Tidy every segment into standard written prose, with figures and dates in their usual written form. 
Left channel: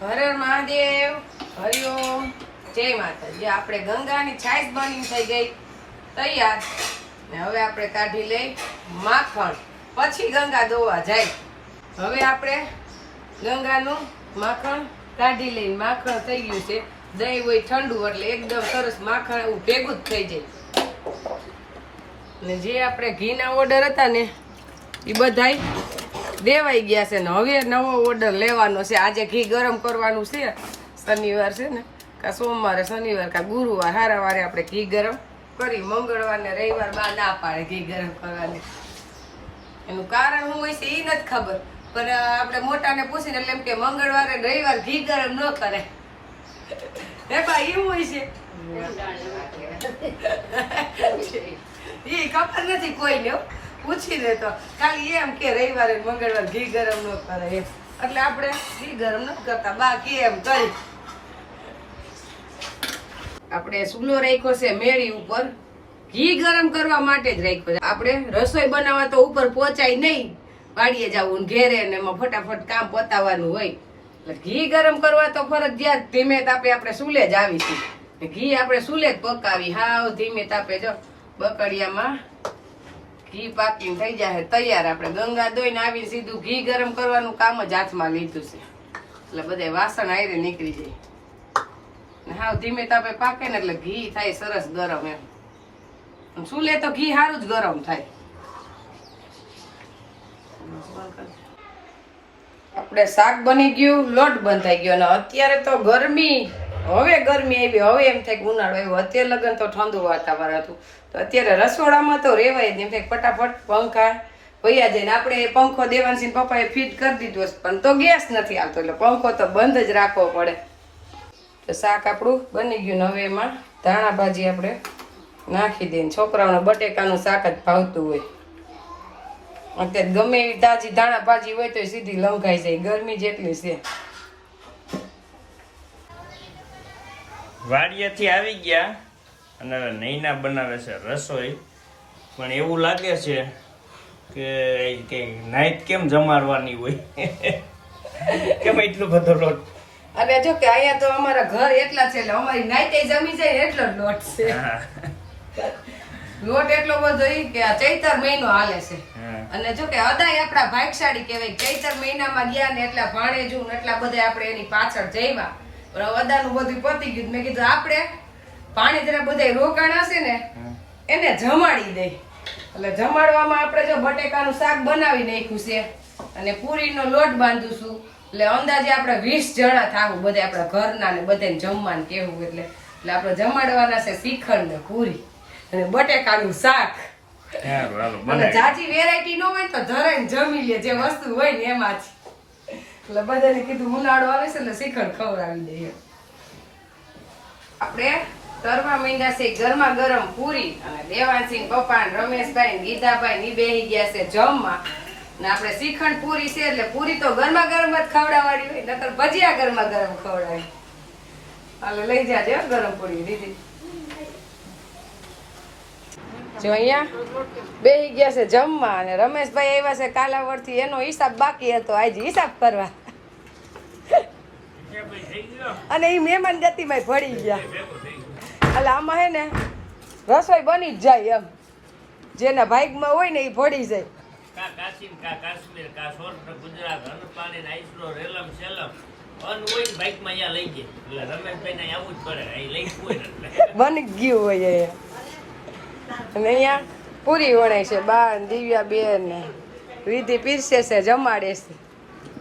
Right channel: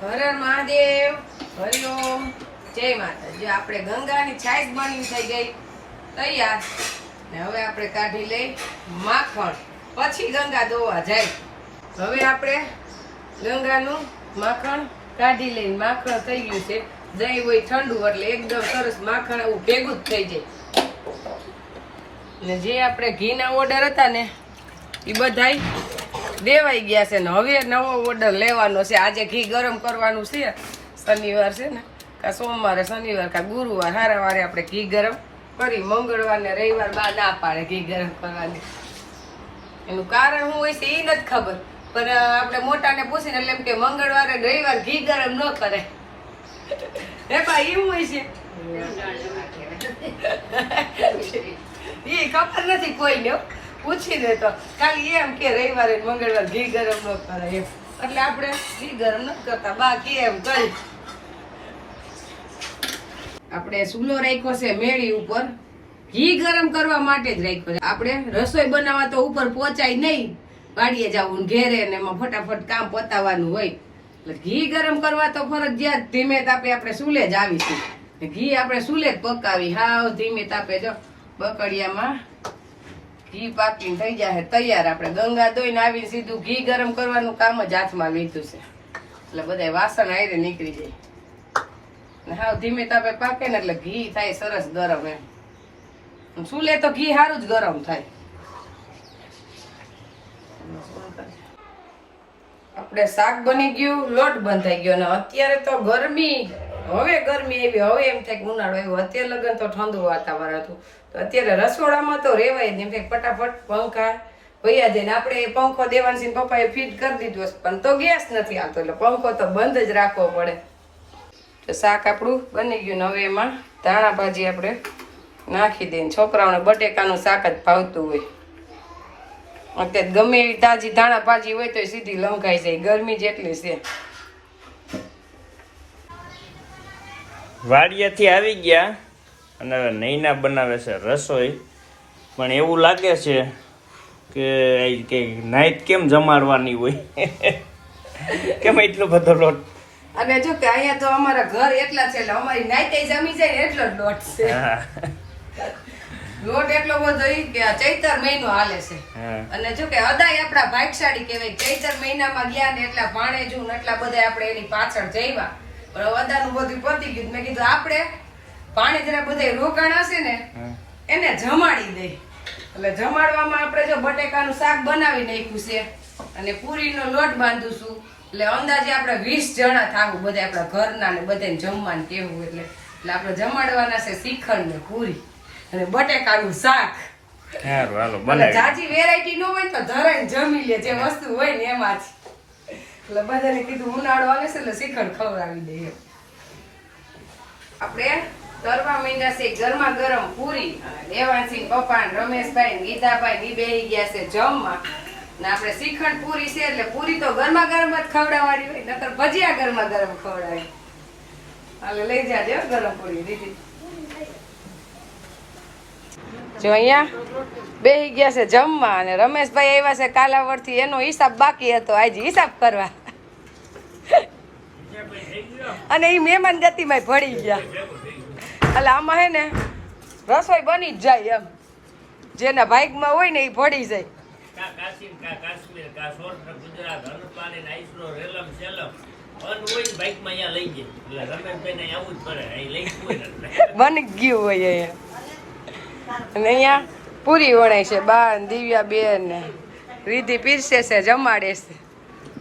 હર હર મહાદેવ, હરિઓમ, જય માતાજી. આપણે ગંગાની છાશ બની થઈ ગઈ તૈયાર ને હવે આપણે કાઢી લઈ માખણ, પછી ગંગા દોવા જાય. હવે આપણે ગંગાનું માખણ કાઢી લઈને માખણ થઈ ગયું છે. દહીં હોય ઠંડુ એટલે એકદમ સરસ માખણ એવું ભેગું જ થઈ જાય. ને જે આપણે ઘીના ઓર્ડર હતા ને એ બધાય દેવાઈ ગયા છે ને હવે નવો ઓર્ડર લેવાનો છે. આજે ઘી ગરમ કરવાનું છે. શનિવાર છે ને, કા સોમવારે, શનિવાર કા ગુરુવાર, હારા વારે આપણે ઘી ગરમ કરી. મંગળવાર ને રવિવાર બા ના પાડે ઘી ગરમ કરવાની. એનું કારણ શું હોય છે એ નથી ખબર, પણ આપણે મોટાને પૂછીને એટલે એમ કે મંગળવારે રવિવાર ઘી ગરમ ન કરે. હે બા એવું હોય છે? એ ખબર નથી કોઈને, પૂછીને તો ખાલી એમ કે રવિવારે મંગળવાર ઘી ગરમ ન કરે એમ. એટલે આપણે ઘી ગરમ ન કરતા, બાકી એમ કરી. આપણે ચૂલો રાખ્યો છે મેળી ઉપર, ઘી ગરમ કરવા માટે જ રાખ્યો છે. આપણે રસોઈ બનાવવા તો ઉપર પહોંચાય નહીં, વાડીએ જવું ઘેરે ને એમાં ફટાફટ કામ પતાવવાનું હોય. એટલે ઘી ગરમ કરવા તો ફરજિયાત ધીમે તાપે આપણે ચૂલે જ આવીશું. ઘી આપણે ચૂલે જ પકાવી, હાવ ધીમે તાપે. જો બકડિયામાં ઘી પાકીને થઈ જાય તૈયાર. આપણે ગંગા દોઈને આવીને સીધું ઘી ગરમ કરવાનું કામ જ હાથમાં લીધું છે. એટલે બધા વાસણ આયરે નીકળી જાય. હાવ ધીમે તાપે પાકે ને એટલે ઘી થાય સરસ ગરમ એમ. ચૂલે તો ઘી સારું જ ગરમ થાય. આપણે શાક બની ગયું, લોટ બંધાઈ ગયો. અને અત્યારે તો ગરમી, હવે ગરમી આવી. હવે એમ થાય કે ઉનાળો આવ્યો. અત્યારે લગન તો ઠંડુ વાતાવરણ હતું, તો અત્યારે રસોડામાં તો રેવાય જ નહીં. ફટાફટ પંખા વયા જાય ને. આપણે પંખો દેવાનસિંહ પપ્પાએ ફિટ કરી દીધું, પણ તો ગેસ નથી આવતો એટલે પંખો તો બંધ જ રાખવો પડે. તો શાક આપણું બની ગયું ને હવે એમાં ધાણા ભાજી આપણે નાખી દઈએ. છોકરાઓને બટેકાનું શાક જ ભાવતું હોય. અત્યારે ગમે એવી તાજી ધાણા ભાજી હોય તો સીધી લંઘાઈ જાય, ગરમી જેટલી છે. વાડિયાથી આવી ગયા અને હવે નૈના બનાવે છે રસોઈ. પણ એવું લાગે છે કે નાઈટ કેમ જમાડવાની હોય, કેમ એટલો બધો લોટ. અને જો કે અહીંયા તો અમારા ઘર એટલા છે એટલે અમારી નાઈટે જમી જાય ને એટલો જ લોટ છે. લોટ એટલો બધો કે આ ચૈતર મહિનો હાલે છે. અને જો કે અદાય આપણા ભાગશાળી કહેવાય. ચૈતર મહિનામાં ગયા ને એટલા ભાણેજુ ને એટલા બધા આપણે એની પાછળ જઈવા. પણ અદાનું બધું પતી ગયું. મેં કીધું આપણે પાણીધરા બધા રોકાણ હશે ને એને જમાડી દઈ. એટલે જમાડવામાં આપણે જો બટેકાનું શાક બનાવી નાખ્યું છે અને પૂરીનો લોટ બાંધુશું. એટલે અંદાજે આપણે 20 જણા થાવું, બધા આપણા ઘરના ને બધાને જમવાનું કેવું. એટલે આપણે જમાડવાના છે શ્રીખંડ ને પૂરી અને બટેકાનું શાક. જાજી વેરાયટી ન હોય તો ધરાઈને જમી લે, જે વસ્તુ હોય ને એમાં જ. એટલે બધાને કીધું ઉનાળો આવે છે એટલે શ્રીખંડ ખવડાવી દઈએ. આપણે તરવા માંડ્યા છે ગરમા ગરમ પૂરી. દેવાનસિંહ પપ્પા, રમેશભાઈ, ગીતાભાઈ ની બેહી ગયા છે જમવા. ને આપણે શ્રીખંડ પૂરી છે એટલે પૂરી તો ગરમા ગરમ જ ખવડાવવાની હોય, નકર ભજીયા ગરમા ગરમ ખવડાવી. હાલે લઈ જાજે ગરમ પૂરી દીધી. જો અહીંયા બેહી ગયા છે જમવા અને રમેશભાઈ આવ્યા છે કાલાવડથી. એનો હિસાબ બાકી હતો, આજે હિસાબ કરવા. અને એ મહેમાન ગતિમાં ભળી ગયા. એટલે આમાં હે ને રસોઈ બની જ જાય એમ. જેના ભાગમાં હોય ને એ ભળી જાય. બની ગયું હોય અહીંયા. અને અહીંયા પૂરી વણાય છે. બા દિવ્યા બેન ને રીધિ પીરસે છે, જમાડે છે.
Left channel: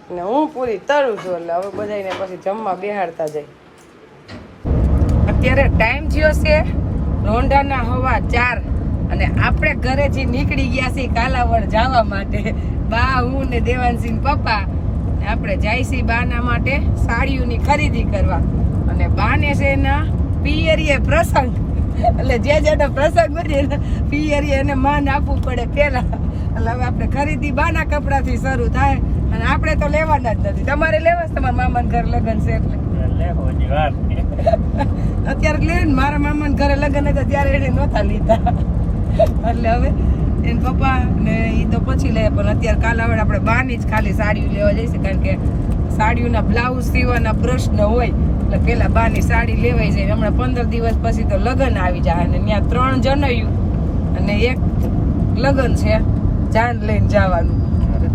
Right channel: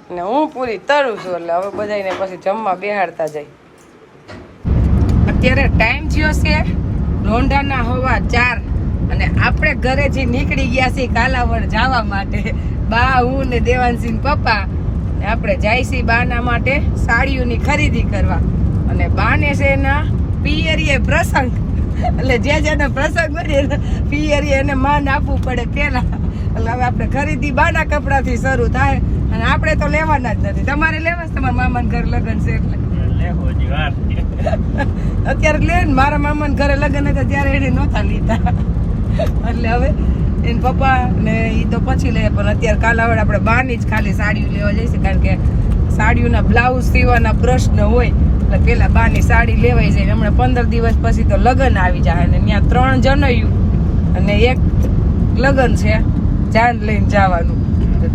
ને હું પૂરી તરું છું એટલે હવે બધાને પછી જમવા બેહાડતા જાય. અત્યારે ટાઈમ થયો છે રોંઢાના 4:15 અને આપણે ઘરેથી નીકળી ગયા છીએ કાલાવડ જવા માટે. બા, હું ને દેવાનસિંહ પપ્પા આપણે જાય છીએ બાના માટે સાડીઓની ખરીદી કરવા. અને બાને છે એના પિયરીએ પ્રસંગ, એટલે જેનો પ્રસંગ હોય ને પિયરીએ એને માન આપવું પડે પેલા. એટલે હવે આપણે ખરીદી બાના કપડાથી શરૂ થાય. અને આપણે તો લેવાના જ નથી. તમારે લેવા છે? તમારા મામાના ઘર લગ્ન છે એટલે અત્યારે લે ને. મારા મામાના ઘરે લગ્ન હતા ત્યારે એને નહોતા લીધા. એટલે હવે એને પપ્પા ને એ તો પછી લે, પણ અત્યારે કાલાવડ આપણે બાની જ ખાલી સાડીઓ લેવા જઈશે. કારણ કે સાડીઓના બ્લાઉઝ સીવવાના પ્રશ્ન હોય એટલે પેલા બાની સાડી લેવાઈ જાય. હમણાં 15 દિવસ પછી તો લગ્ન આવી જાય અને ત્યાં 3 જનૈયું અને 1 લગ્ન છે, જાન લઈને જવાનું.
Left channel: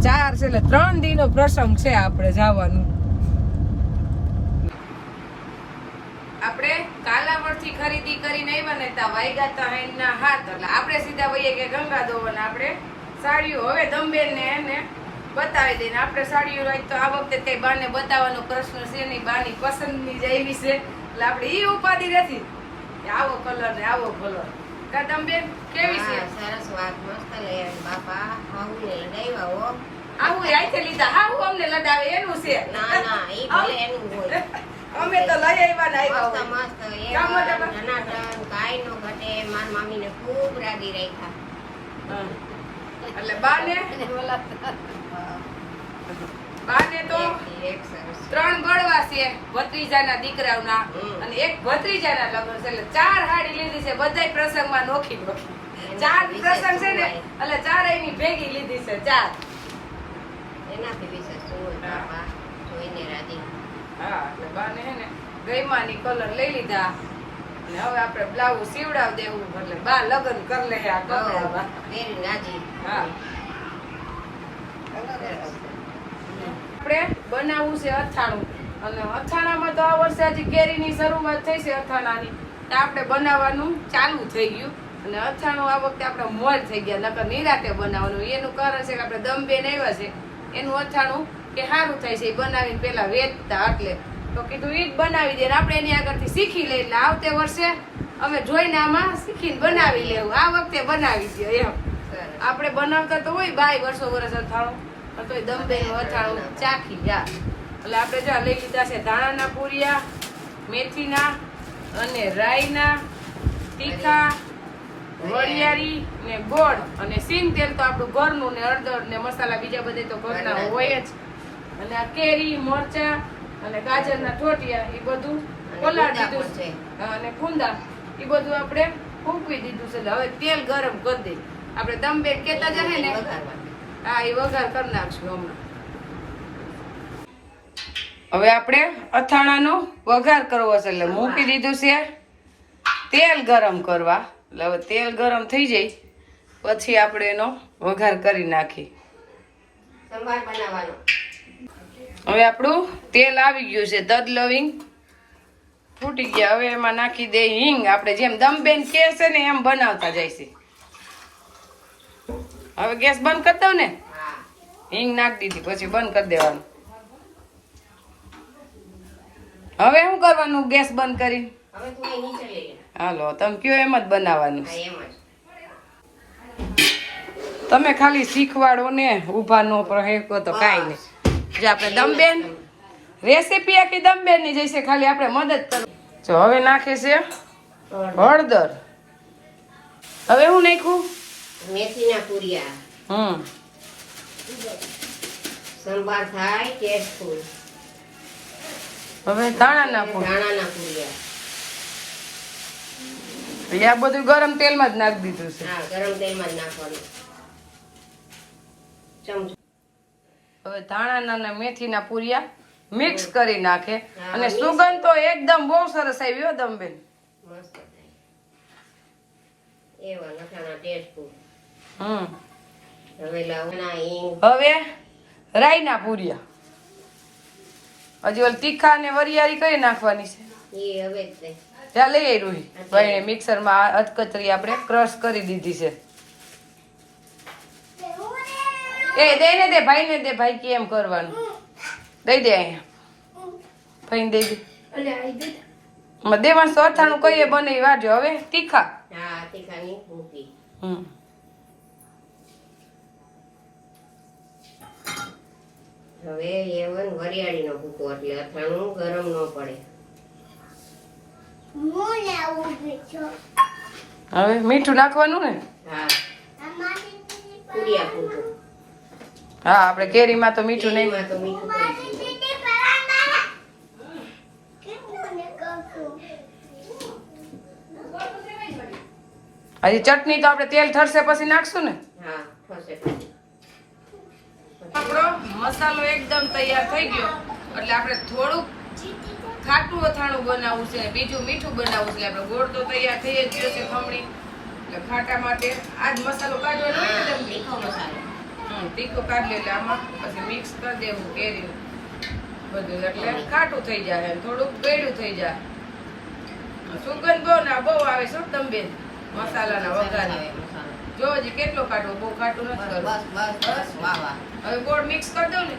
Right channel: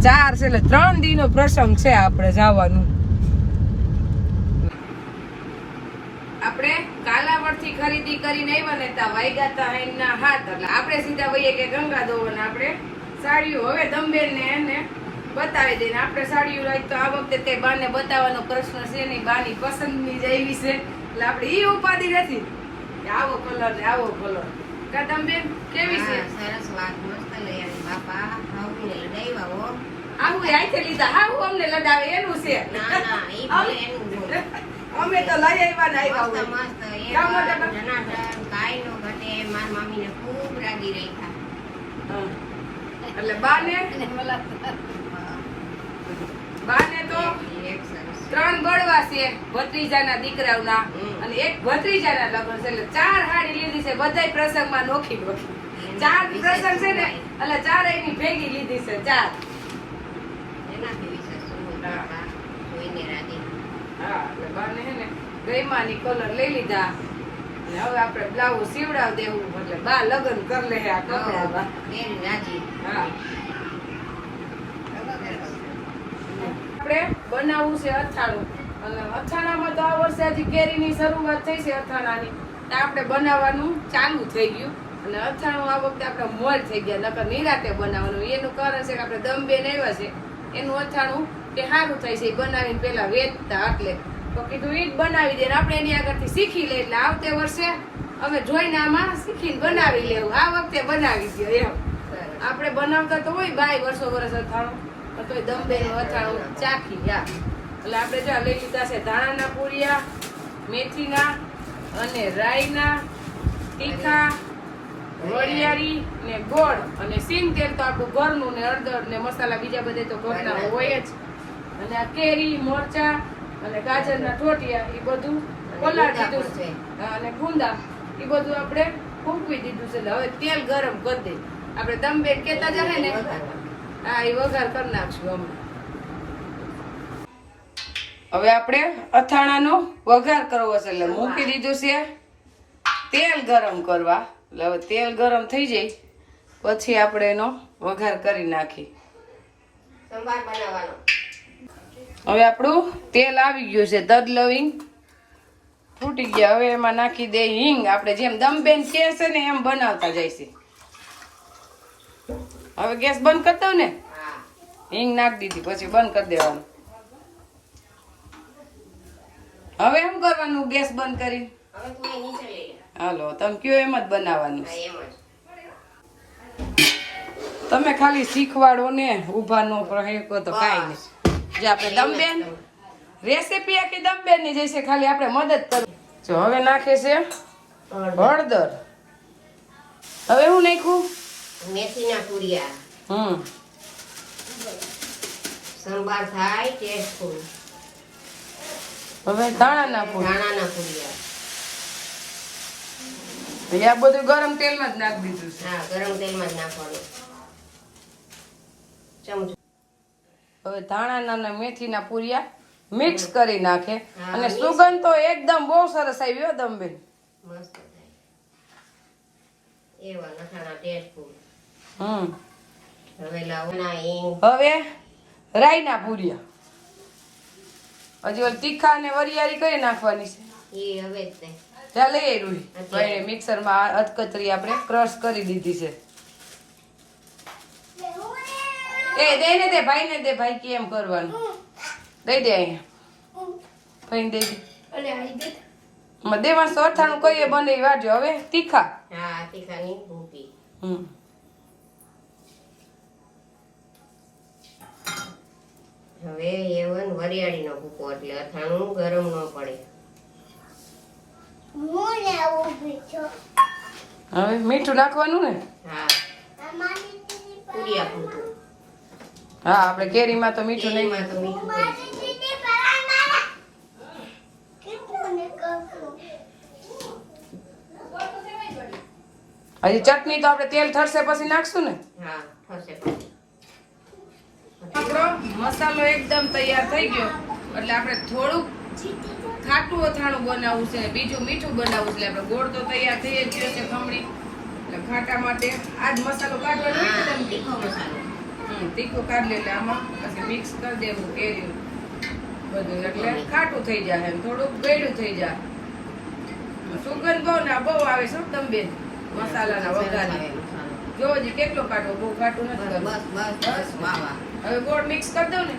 4 છે એટલે 3 દીનો પ્રસંગ છે આપણે જવાનું. આપણે કાલાવડથી ખરીદી કરીને આવ્યા ને ત્યાં વાગ્યા તા એના હાથ એટલે આપણે સીધા વહીએ કે ગંગા દોવાને આપણે સાડીઓ હવે દમબેન ને એને બતાવી દઈને આપણે સાડીઓ લાવી તો આ વખતે તે બાને બતાવવાનો પ્રશ્ન છે નહીં, બાની પસંદની જ આવી છે એટલે આપણે ઈ ઉપાધિ નથી કે આવો કલર ને આવો કલર. કા દમબેન કેવી છે? સરસ વાત, મસ્ત લઈ આવી બાપા. આવું લઈ આવ્યા હો. આવું આઈથે લીધા, આવું અમને લડાવે એનું છે. ના ના, ઈ ભલે એનું હોય. અમે તો લઈ આવ્યા ને આવ્યા મસ્ત હોય. મસ્ત કામ એવા મોટા જનાર્દન કાંઈ નો ઘટે. મારી મમ્મીને ખૂબ રાગી રાખ્યા. હા. એટલે બાને તો એક સરસ. 3 બળવા છે ભત્રીજાના દીકરાઓના અને 1 ભત્રીજાના લગ્ન છે એટલે 4 હાડી લીધી છે બધાય પ્રસંગમાં નોખી નોખી. 4 પ્રસંગ છે ને એટલે 4 એની ભેગી લીધી છે 4. એનાથી વિશેષ શું બાપા, જોઈને રાજી. હા એટલે બાને હે ને ગઈમાની કલર લઈ લીધા અને હવે આપણે બ્લાઉઝ સીવડાવ દેવું એટલે બા લગ્ન કર લે આ કપડામાં. એની રાજી. હા. આપણે બનાવવું છે અથાણું અને અથાણામાં તો આ વર્ષે હજી કેરીની શરૂઆત થઈ છે અથાણાની તો આપણે બનાવવાનું ચાલુ થઈ ગયું અને અથાણું આ વખતે આપણે મોજ થઈ ગયા નકર નિરાતે બનાવવાનું. એનું કારણ છે કે આપણે દમબેન આવ્યા છે એનું અથાણું કે સારું થાય છે એ બનાવીને પેલા વેચતા એટલે તો કીધું ઈ જ બનાવી દે ને આપણે એની આગળથી શીખી લઈએ એટલે આવતે વર્ષે અમે જોઈને આમાં શીખીને બનાવી લેવું. આ વખતે બનાવી દો એમ. આપણે બનાવતા તો હોય બાય વર્ષો વર્ષ અથાણું તો દમબેનું અથાણું ચાખી જા એટલે આપણે જો લઈ લીધા છે ધાણાના પૂરિયા, મેથીના અને રાઈના, તીખા, વરિયાળી ને ગોળ અને સિંગ તેલ તો આપણું ઘરનું ને હળદર ને મસાલા બીજા બધે તો ઘરના હોય જ અને આ કેરી, મરચા અને ગાજરના ઠોટિયા એ બધું પલાળી દીધું છે અને કુંદા એ બધું આપણે ફૂંકવી દીધું છે. એટલે હવે તેલ ગરમ કરી દે આપણે દમબેન કેતા જશે ને હા એ વઘાર કરી નાખશું હમણાં. હવે આપણે અથાણાનો વઘાર કરવો છે એટલે મૂકી દીધું છે તેલ ગરમ કરવા. એટલે હવે તેલ ગરમ થઈ જાય પછી આપણે એનો વઘાર કરી નાખી. સંભાર બનાવવાનો. હવે આપણું તેલ આવી ગયું છે, તજ લવિંગ ફૂટી ગયા. હવે એમાં નાખી દે હિંગ. આપણે જેમ દમબેન કે છે ને એમ બનાવતા જાય છે. હવે ગેસ બંધ કરી દઉં ને, હા. હિંગ નાખી દીધી પછી બંધ કરી દેવાનું. હવે શું કરવાનું ગેસ બંધ કરી? હવે તું અહીં નીચે લઈ લે. હાલો તમે કયો એમ જ બનાવવાનું હા, છે. એમ જ. તમે ખાલી શીખવાડો ને ઊભા નો પણ તો કાંઈ નહીં. જે આપણે દમબેન રેસીપી આખી દમબેન ની જઈશે, ખાલી આપણે મદદ કરો. જો હવે નાખે છે હળદર. હવે હું નાખ્યું મેથીના પૂરિયા. સંભાર થાય ટેસ્ટફુલ. હવે ધાણાના પૂર. ધાણાના પૂરિયા. આ બધું ગરમ તેલમાં જ નાખી દીધું છે. હા, ગરમ તેલમાં જ નાખવાનું. ચમચો. હવે ધાણાના અને મેથીના પૂરિયા મિક્સ કરી નાખે હા, અને સુગંધ તો એકદમ બહુ સરસ આવી હો દમબેન. મસ્ત થાય. એવા લખાણા ટેસ્ટફુલ. હવે લાવવાના હિંગ. હવે રાઈના પૂરિયા. હજી ઓલી તીખા અને વરિયાળી કઈ નાખવાની છે? એ હવે જ થાય. જ્યાં લઈ આવી રૂહી ભાઈને મિક્સરમાં અધકચરી આપણે ક્રશ કરી દીધી છે. એ દે ને દે ભાઈને દે, ભાઈ કેમ કરવાનું દઈ દે અહીંયા ભાઈને દઈ દે. દેવાંશ તો અથાણું કહીએ બને એ વાજો. હવે તીખા. હા, તીખાની મૂકી. હવે એવન વરિયાળીનો ભૂકો એટલે અથાણું ગરમ ન પડે. હવે મીઠું નાખવાનું ને. હા, પૂરિયા ભૂકો. હા આપણે કેરીમાં તો મીઠું નહીં. એમાં તો મીઠું પડી હજી ચટણી તો આપણે તેલ ઠરશે પછી નાખશું ને. જાય. હા, થશે પછી. આપણો મસાલો એકદમ તૈયાર થઈ ગયો એટલે આપણે થોડુંક ખાટું અથાણું બનાવવું છે, બીજું મીઠું બનાવવું છે. આપણે ગોળ તો તૈયાર થઈ જ ગયો છે ખમણી, એટલે ખાટા માટે આજ મસાલો કાઢવાનો હોય ને તમે તીખો મસાલો. તીખું કાઢી એટલે આમાં પછી મિક્સ કરી દેવું કેરી બધું, એટલે ખાટું થઈ જાય અને થોડુંક ગળ્યું થઈ જાય. સુગંધ બહુ આવે શું તમે બેન મસાલાના વઘારની? મસાલો. જો હજી કેટલો કાઢવો, બહુ કાઢવું નથી બસ કરવું. બસ બસ વાહ વાહ. હવે ગોળ મિક્સ કરી દઉં ને.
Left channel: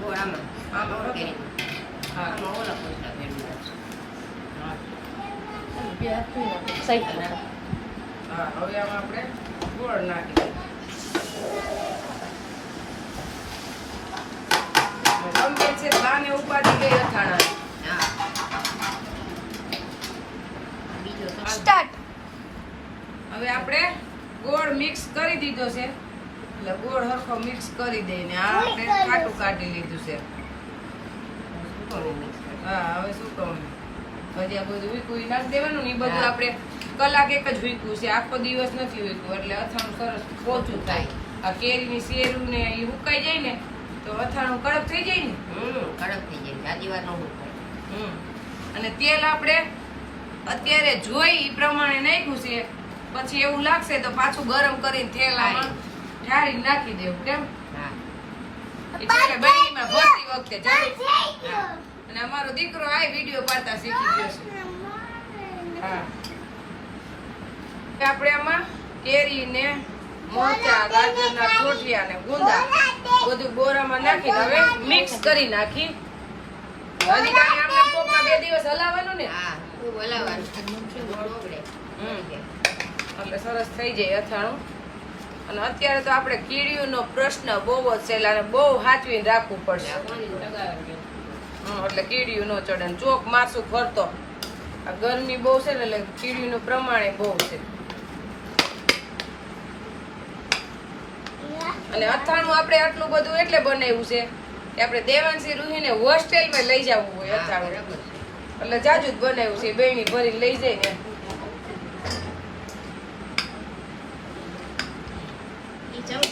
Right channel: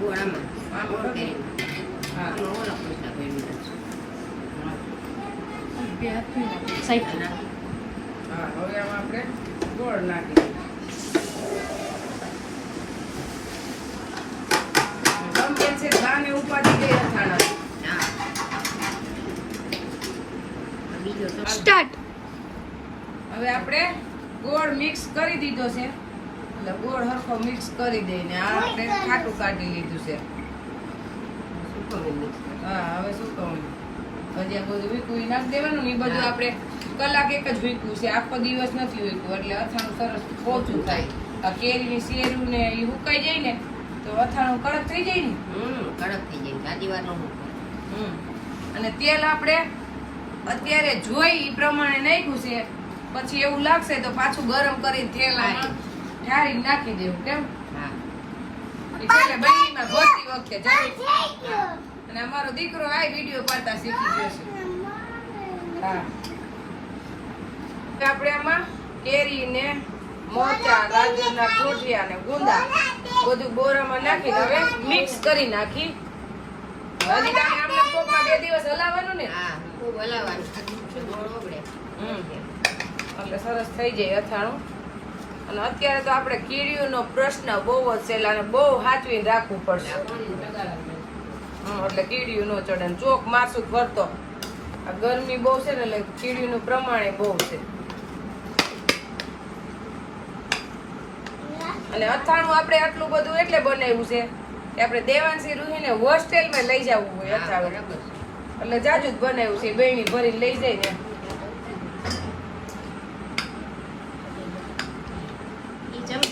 ગોળ આમાં. આમાં ગોળ કરી દઉં. કેરીમાં. હા આમાં ઓલા પૈસા ભેળવી નાખશું. હા હવે આમાં આપણે ગોળ નાખી દઈએ. ગમે છે ધાને ઉપાડી ગઈ અથાણા. હા. બીજો તો હવે આપણે ગોળ મિક્સ કરી દીધો છે, એટલે ગોળ હરખો મિક્સ કરી દઈને આ આપણે ખાટું કાઢી લીધું છે. સુકવણી મિક્સ કરી. હા હવે શું કહું, હજી આ બધું વીકું નાખી દેવાનું ને, એ બધું આપણે કલાક એક જ વીકવું છે, આખો દિવસ નથી વીકવું, એટલે અથાણું સરસ પોચું થાય. આ કેરીની શેરું ને એ હુકાઈ જાય ને તો અથાણું કડક થઈ જાય ને. કડક થઈ જાય. ગાદી વાર નો અને તેલ આપણે અત્યારે જોઈ એ પ્રમાણે નાખ્યું છે, પછી એવું લાગશે તો પાછું ગરમ કરીને તેલ આમાં ઠારી નાખી દેવું. કેમ હા. એ છેલ્લે બનીમાં ભરતી વખતે જરૂર. અને અમારો દીકરો આ વિડીયો પાડતા શીખી ગયો છે. હા આપણે આમાં કેરી ને મોચા, ગાજરના ઠોઠિયા ને ગુંદા બધું બોરામાં નાખીને હવે મિક્સ કરી નાખી. હજી કાંઈ આમને ટોપમાં 2 દિવસ હલાવવાનું ને. હા. ખૂબ હલાવવાનું. ગોળ ઓગળે. એટલે સરસ થઈ જાય અથાણું. અને અત્યારે તો આપણે કીડીઓનો પ્રશ્ન બહુ જ છે, એટલે બહુ સાચવીને રાખવું પડશે. એટલે કીડીયું ન ચડે ને ચોક માસું ફરતો. આ ગરમી બહુ છે ને એટલે કીડીનું પ્રમાણે બહુ છે. અને અથાણું આપણે આટલું બધું એટલે બનાવ્યું છે કે આપણે દેવાંશી રૂહીને હોસ્ટેલમાં લઈ જવું હોય અથાણું, બરાબર છે. એટલે જાજુ જ બનાવ્યું છે. બેણી ભરીને લઈ જાય ને ઈ ચમચે